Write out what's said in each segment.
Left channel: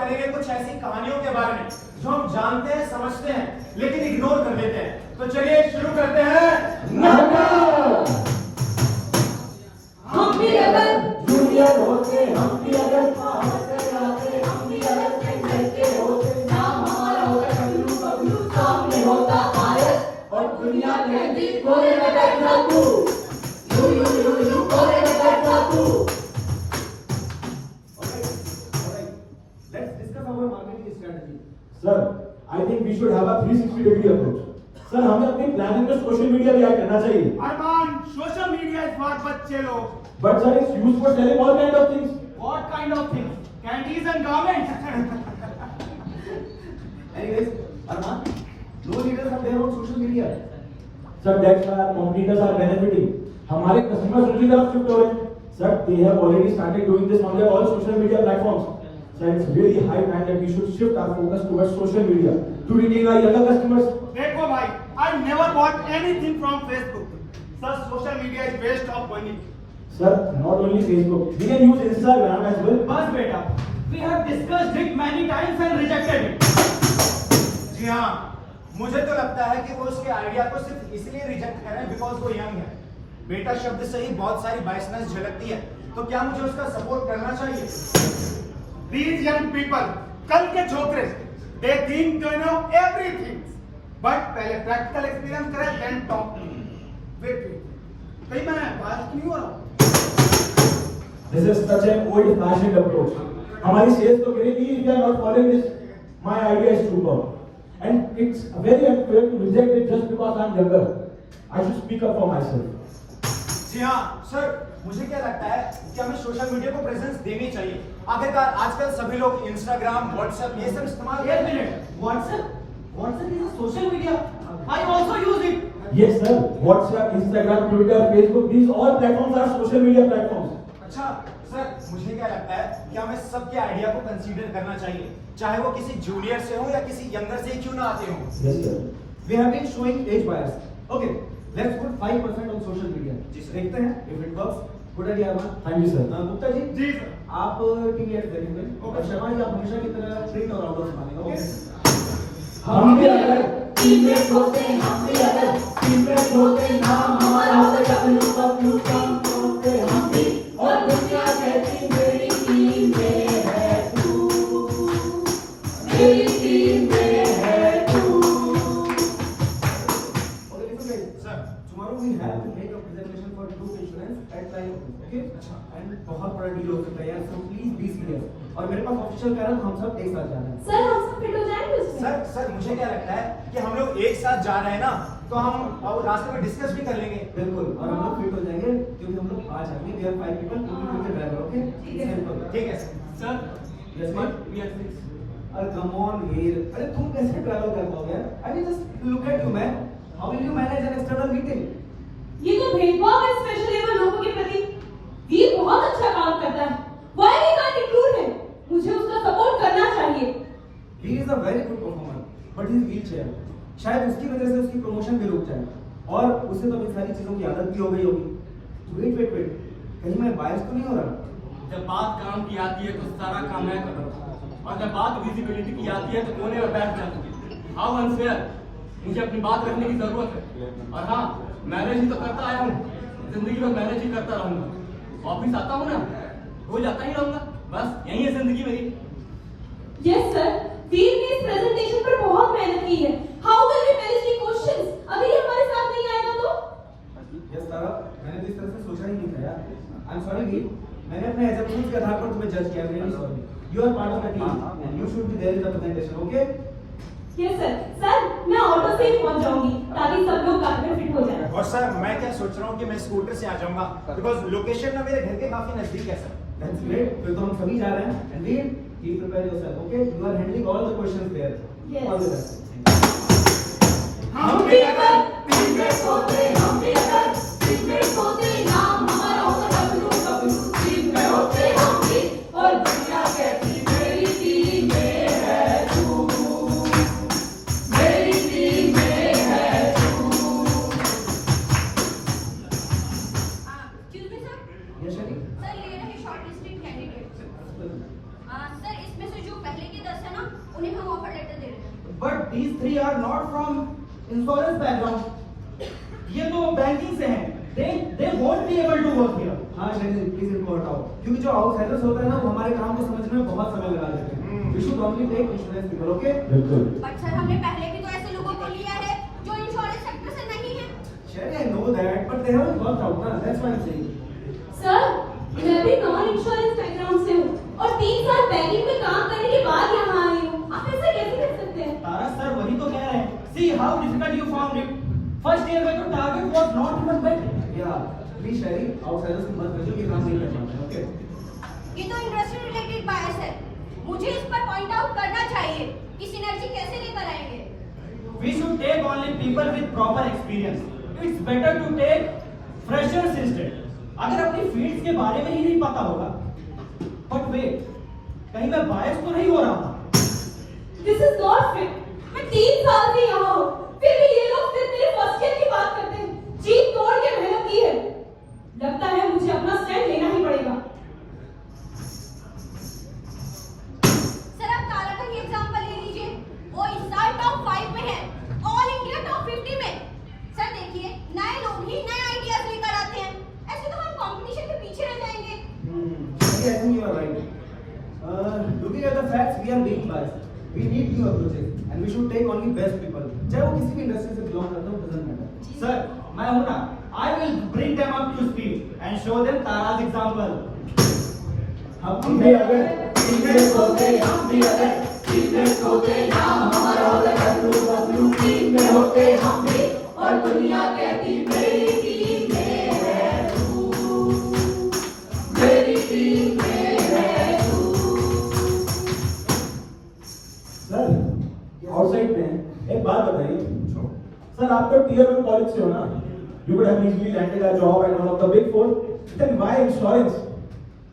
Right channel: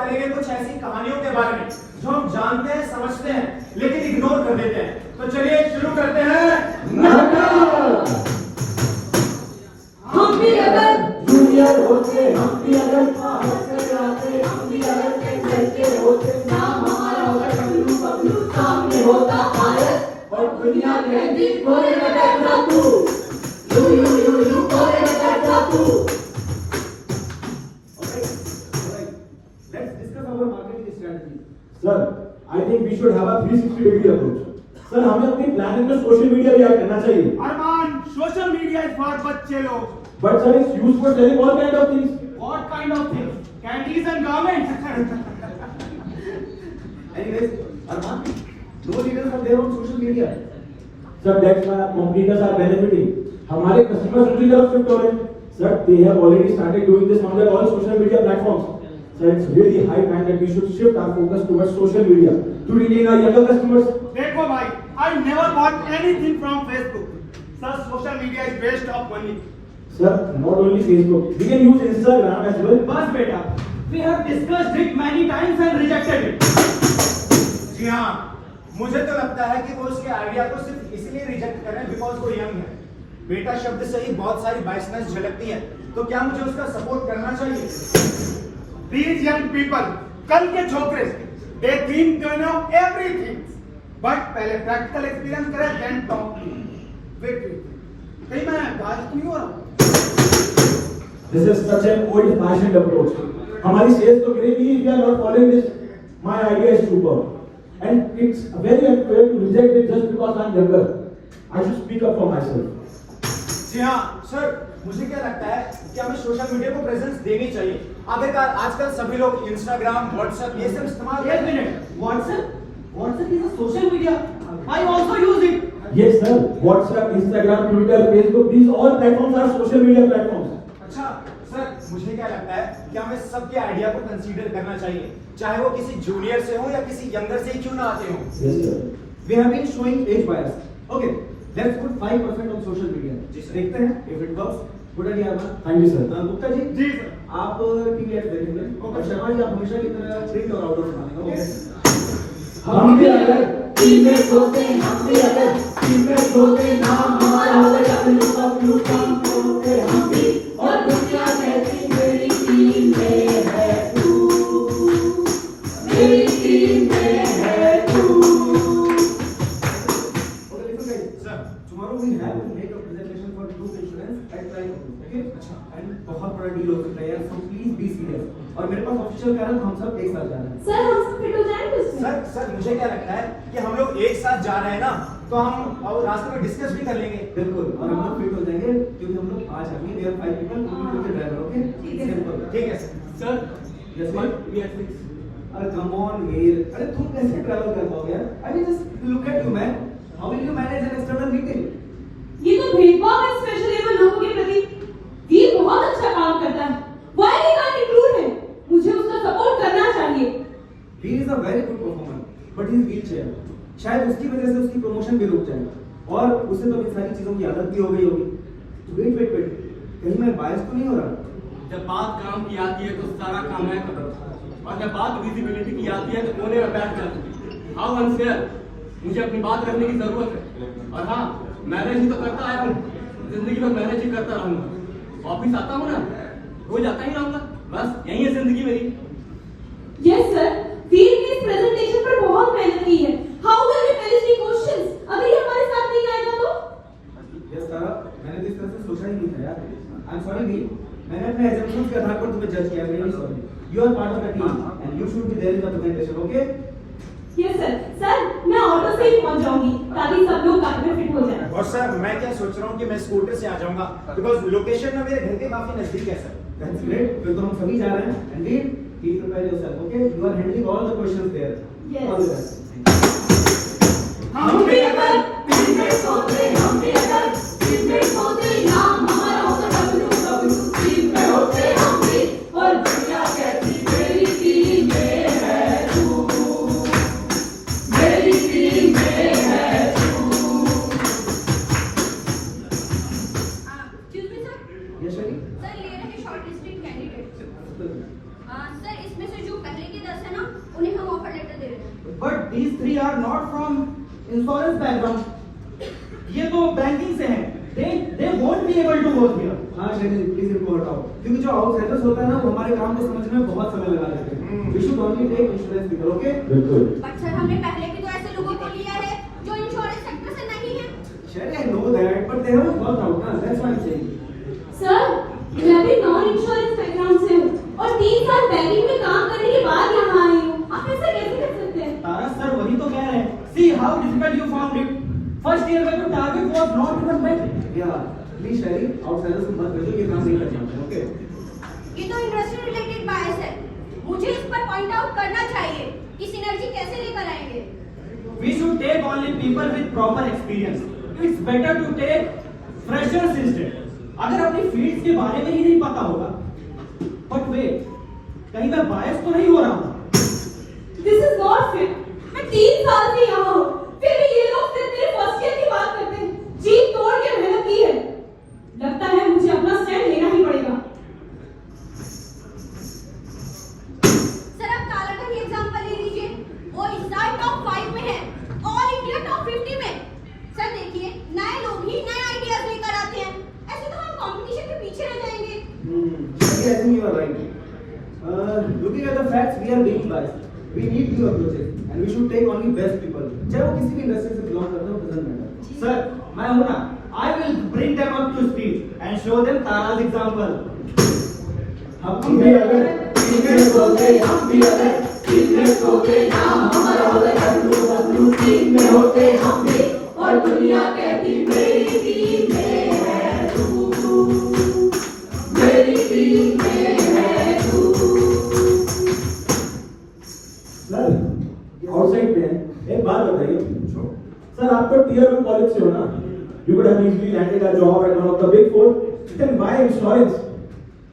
करेंगे कुछ ऐसी कहानियों के बारे में जो हम जानते हैं, समझते हैं, लेकिन इग्नोर कर देते हैं। तो चलिए शुरू करते हैं। हम भी अगर जूनियर होते, हम भी अगर पावर से आते, हम भी अगर कहते होते, नाम हमारा होता बबलू, सामने होता भारत और दुनिया कहती कोने में बैठा तू, यू कोने में बैठा तू। Let's discuss our marketing strategy. Sir, I think we should have a 360-degree approach. Sir हमें अपनी प्लानिंग में सोशल मीडिया भी ऐड करना चाहिए। अरमान, सोशल मीडिया इज फॉर बच्चे लोग। But sir, it's used for selling all kind of things. What kind of things? Candies and garments. Anyways, Arman, no leaders are there on social media. Sir, that's why our competitors are benefiting. हमारे customers दूसरी तरफ shift हो रहे हैं। Sir, they have already started doing this on their all social media platforms. Sir, it's really high time that we should shift our focus towards social media to retain our younger customers. देखो भाई, I never bought anything from Facebook. Sir, social media is waste of money. Sir, not only Facebook, we can use Instagram as well. बस बेटा, we have discussed it many times and rejected it. जी हाँ, मुझे तो लगता है कि वो उसके आइडिया को सिर्फ इसलिए रिजेक्ट कर रहे हैं बिकॉज वो यंग है। बेटा शब्द से ही बहुत सारी बाइसनेस झलकती है, तो क्या मुझे उसका सपोर्ट करना चाहिए? These young people, कल के छोकरे, they think they know everything, but पहले प्रैक्टिकल एक्सपीरियंस करें, then talk to me. Wait, कहीं मैं बात तो नहीं हो रहा? This is such an old-fashioned approach. हमारी सेल्स तो गिरेगी if you are not following this. My idea is superb, and it's very unfair to reject it just because I'm younger. I should speak up for myself. जी हाँ, sir, मुझे क्या लगता है कि हमें सोशल मीडिया को प्रेजेंस देनी चाहिए। आखिरकार आजकल सभी लोग इंस्टाग्राम, व्हाट्सएप ये सब इस्तेमाल करते हैं। एक minute, WhatsApp is a social media. I also use it. Yes sir, WhatsApp, Instagram, Twitter, Facebook, these all platforms are social media platforms. अच्छा सर, मुझे क्या लगता है कि हमें सबके आइडिया को कंसीडर करना चाहिए, चाहे वो किसी जूनियर से हो या किसी यंगर से ही क्यों ना आते हो। Yes sir. We have been showing age bias. Okay, let's put 5% on social media. देखते हैं if it works. Good idea, Arman. Thank you sir. Gupta ji, जी आप टीवी एड देखेंगे और शर्मा जी आप हमेशा की तरह प्रिंट और आउटडोर संभालेंगे। ओके, हम भी अगर टीममेट होते, हम भी अगर टीममेट होते, नाम हमारा होता बबलू, सामने होते हम भी और दुनिया कहती मेरी टीम में है तू, मेरी टीम में है तू। Okay, listen guys. Sir, tomorrow we have to make a presentation for group insurance at Prime. Okay? अच्छा, and बहुत बड़ा डील हो सकता है यार, so please be serious. और मेरे पास ऑफिशियल कह रहा हूँ हम सब एक साथ जा रहे हैं। सर हम सब फिट हो जाएंगे उसमें। सर, मुझे क्या लगता है कि हम लोग एक साथ जा रहे हैं ना, तो हम और रास्ते में डिस्कस भी कर लेंगे। बिल्कुल, और हम लोग फिट हो जाएंगे क्योंकि हम लोग 5 आदमी, we are 5 people, we will be driver. Okay? Simple. ठीक है सर। Yes, we are 6. अरे come on वीर, अरे तुम कैसे ट्रैवल कर पाओगे यार? I mean just look at you man. How will you manage an external meeting? ये तो भेदभाव है स्पेशली लेवल लोगों के प्रति। वीर बहुत अच्छा काम करता है। Why he can't include him? मुझे उसका सपोर्ट करना चाहिए। He is a very good performer, but he is wheelchair. शायद उसकी वजह से उसकी प्रमोशन भी रुक जाएगा और उसे तो इन सारी चीजों की आदत भी हो गई होगी। वेट, कहीं मैं बायस तो नहीं हो रहा? जब बात काम की आती है तो सारा काम है करता, और जब बात विजिबिलिटी की आती है तो कोने में बैठ जाते हैं। हाउ अनफेयर, मुझे अपनी बात रखने की जरूरत है। और हाँ, मैनेज ही तो करता आया हूँ, जिंदगी में मैनेज ही करता रहूंगा। ऑफिस आता हूँ ना, रोज आता ही रहूंगा, बस यही है जिंदगी मेरी। यस सर, वीर ने इस प्रेजेंटेशन पर बहुत मेहनत की है। How will we manage the questions? अगर ये हमारे साथ नहीं आएगा तो? यस सारा, मैंने तो इस तरह से सोचा ही नहीं था यार। आई एम सॉरी वीर, मैंने अपने एग्जाम्पल्स के आधार पर तुम्हें जज किया, very sorry. You are part of the team and you should be there in the presentation, okay? Yes sir. Sir, मैं ऑटो से ही पहुंच जाऊंगी ताकि सब लोग काफी में फिट हो जाएं। और सर, मैं क्या सोच रहा हूँ कि मैं स्कूटर से आ जाऊंगा, बिकॉज लोकेशन ना मेरे घर के काफी नजदीक है सर। दैट्स ग्रेट, फिर तो हम सभी जा रहे हैं। And Veer, keep prepare yourself, okay? You are handling all the questions there. Yes. All the best. हम भी अगर टीममेट होते, हम भी अगर टीममेट होते, नाम हमारा होता बबलू, टीम में होते हम भी और दुनिया कहती मेरी टीम में है तू, मेरी टीम में है तू। Excuse me, sir. Yes, Shari? Sir, ये रहे शॉर्ट लिस्टेड कैंडिडेट। सर, इसमें से जो पहले के not from insurance background. ये तो बैंकिंग से हैं. They won't be able to work here. हाँ शेख जी प्लीज इनको हटाओ, क्योंकि जो आउटसाइडर्स होता है ना वो हमारे काम को समझने में बहुत समय लगा देते हैं. We should only take insurance people. Okay बिल्कुल. बट सर हमने पहले भी तो ऐसे लोगों को लिया है जो इंश्योरेंस सेक्टर से नहीं है. Sheikh I know that but they haven't worked out ना, that's why I am saying. Sir मैं भी नॉन इंश्योरेंस बैकग्राउंड से हूँ और 3 साल बैंकिंग में काम करने के बाद यहाँ आई हूँ. आप ऐसा कैसे कह सकते हैं? तारा सर वही तो कह रहे हैं. See how difficult you found it. First year में तो target was not even met. या प्लीज शेख आउटसाइडर्स को मत भेजो, ये काम नहीं करना है. ओके ये तो इंडस्ट्री रिलेटेड बायस है. मुझे इस पर पॉइंट आउट करना चाहिए कि सिनर्जी कैसे लेकर आएंगे. We should take only people with proper experience. It's better to take freshers instead. अगर अपनी फील्ड के बारे में ही नहीं पता होगा. But wait, कहीं मैं बायस तो नहीं हो रहा हूँ? This is not fair. मैं 3 साल से यहाँ हूँ, फिर भी ये लोग सिर्फ मेरे फर्स्ट ईयर की बात करते हैं. जी तोड़ के मेहनत की है. लगता है मुझे अपना स्टैंड लेना ही पड़ेगा. सर आप तारा का ही एग्जांपल ले लीजिए. वो इस साल टॉप 5 में है, ऑल इंडिया टॉप 50 में. सर देखिए नए लोग ही नए आइडियाज लेकर आते हैं. ऐसे तो हम कंपटीशन के पीछे रह जाएंगे. I think you are right. Looking at the facts, we are being biased. We need new approaches, and we should take only best people. चाहे वो किसी भी इंडस्ट्री से बिलोंग करता हो, doesn't matter. Sir, मैं हूँ ना. I will bring them up to speed and show them Tara's example. हम भी अगर टीममेट होते, हम भी अगर टीममेट होते, नाम हमारा होता W टीम में होते हम भी, और दुनिया कहती मेरी टीम में है तू, मेरी टीम में है तू. सर आउटसाइड में एक बात बताइए. सर आप तो टियर 2 कॉलेज से हो ना. You would have easily landed a job at one of the big 4. Then why insurance?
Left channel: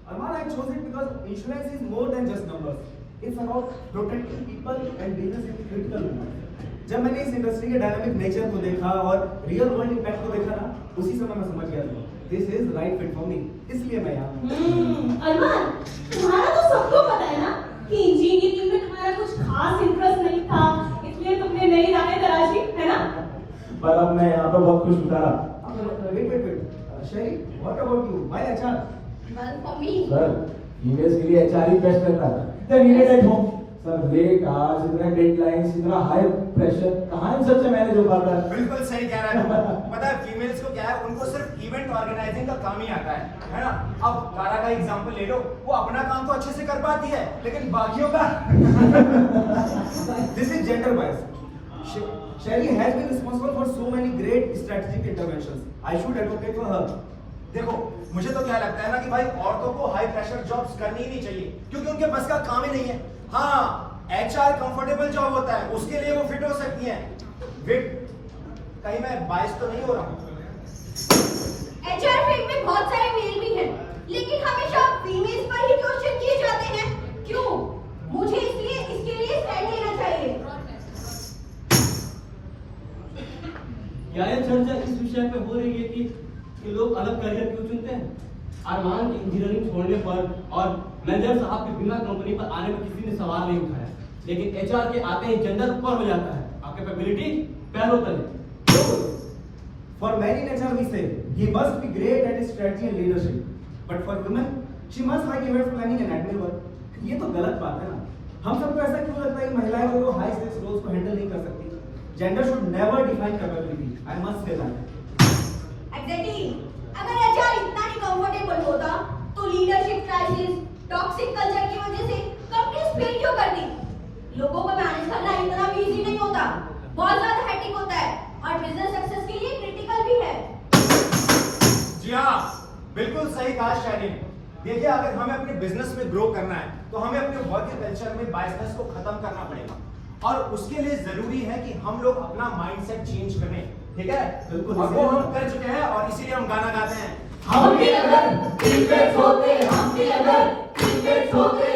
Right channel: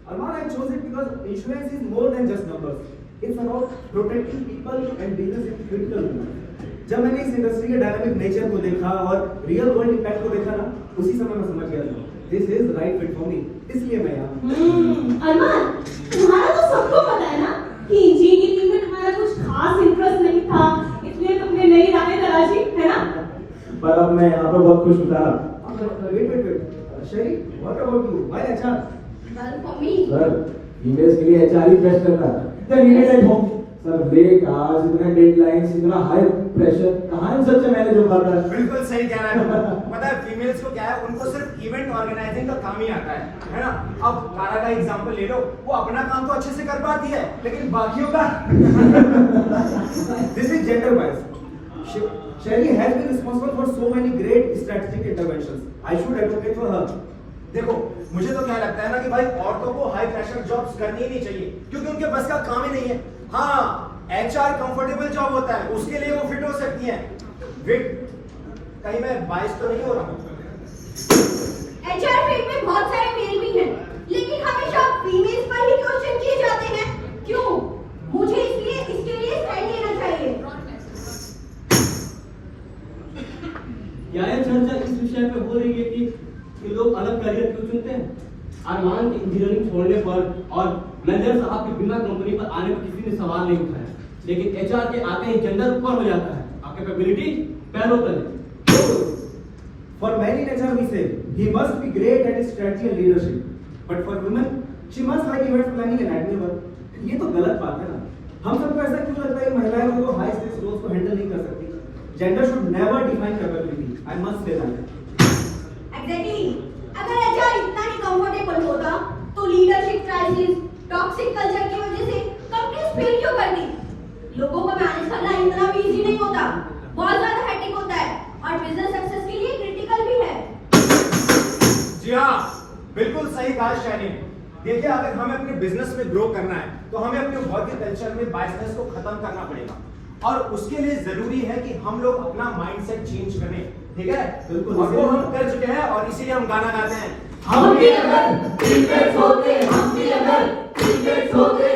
Arman, I chose it because insurance is more than just numbers. It's about protecting people and business in critical moments. जब मैंने इस industry के dynamic nature को देखा और real world impact को देखा ना, उसी समय मैं समझ गया this is right fit for me. इसलिए मैं यहाँ हूँ. अरमान तुम्हारा तो सबको पता है ना कि इंजीनियरिंग की टीम में तुम्हारा कुछ खास इंटरेस्ट नहीं था, इसलिए तुमने नई राहें तलाशी, है ना? पर अब मैं यहाँ पे बहुत खुश गुजारा. Wait. Sherry, what about you? Why HR? Well for me. Sir emails के लिए एचआर ही प्रेस करता है. The needed at home. Sir late hours, इतना डेडलाइंस, इतना हाई प्रेशर, कहाँ इन सबसे मैनेज हो पाता है? बिल्कुल सही कह रहा है. पता है फीमेल्स को क्या है, उनको सिर्फ इवेंट ऑर्गेनाइजिंग का काम ही आता है ना. अब तारा का एग्जांपल ले लो. वो अपना काम तो अच्छे से कर पाती है, लेकिन बाकियों का This is gender bias. Sherry has been responsible for so many great strategic interventions. I should advocate for her. देखो मुझे तो क्या लगता है ना कि भाई औरतों को हाई प्रेशर जॉब्स करनी ही नहीं चाहिए, क्योंकि उनके बस का काम ही नहीं है. हाँ HR कंफर्टेबल जॉब होता है, उसके लिए वो फिट हो सकती है. वेट, कहीं मैं बायस तो नहीं हो रहा हूँ? HR फील्ड में बहुत सारे मेल भी हैं, लेकिन हमेशा फीमेल्स पर ही क्वेश्चन किए जाते हैं. क्यों? मुझे इसके लिए स्टैंड लेना चाहिए. यार चर्चा इस विषय पे हो रही है कि लोग अलग करियर क्यों चुनते हैं. अरमान की इंजीनियरिंग छोड़ने पर और मैनेजर साहब के बिना कंपनी पर आने पर किसी ने सवाल नहीं उठाया, लेकिन एचआर के आते ही जेंडर ऊपर हो जाता है. आपकी कैपेबिलिटी पैरों तले. For men in HR we say he must be great at strategy and leadership, but for women she must like event planning and admin work. ये तो गलत बात है ना. हम सबको ऐसा क्यों लगता है कि महिलाएं लोग हाई स्टेक्स रोल्स को हैंडल नहीं कर सकती? Gender should never define capability. I must say that. Exactly. अगर HR इतना ही कंफर्टेबल होता, तो लीडरशिप क्राइसिस, टॉक्सिक कल्चर की वजह से कंपनीज फेल क्यों करती? लोगों को मैनेज करना इतना भी इजी नहीं होता. बहुत ज्यादा हेक्टिक होता है और बिजनेस सक्सेस के लिए क्रिटिकल भी है. जी हाँ, बिल्कुल सही कहा शैली ने. देखिए अगर हमें अपने बिजनेस में ग्रो करना है, तो हमें अपने वर्क कल्चर में बायसनेस को खत्म करना पड़ेगा. और उसके लिए जरूरी है कि हम लोग अपना माइंडसेट चेंज करें. ठीक है? बिल्कुल. और वो हम कर चुके हैं, और इसीलिए हम गाना गाते हैं. हम भी अगर टीममेट होते, हम भी अगर टीममेट होते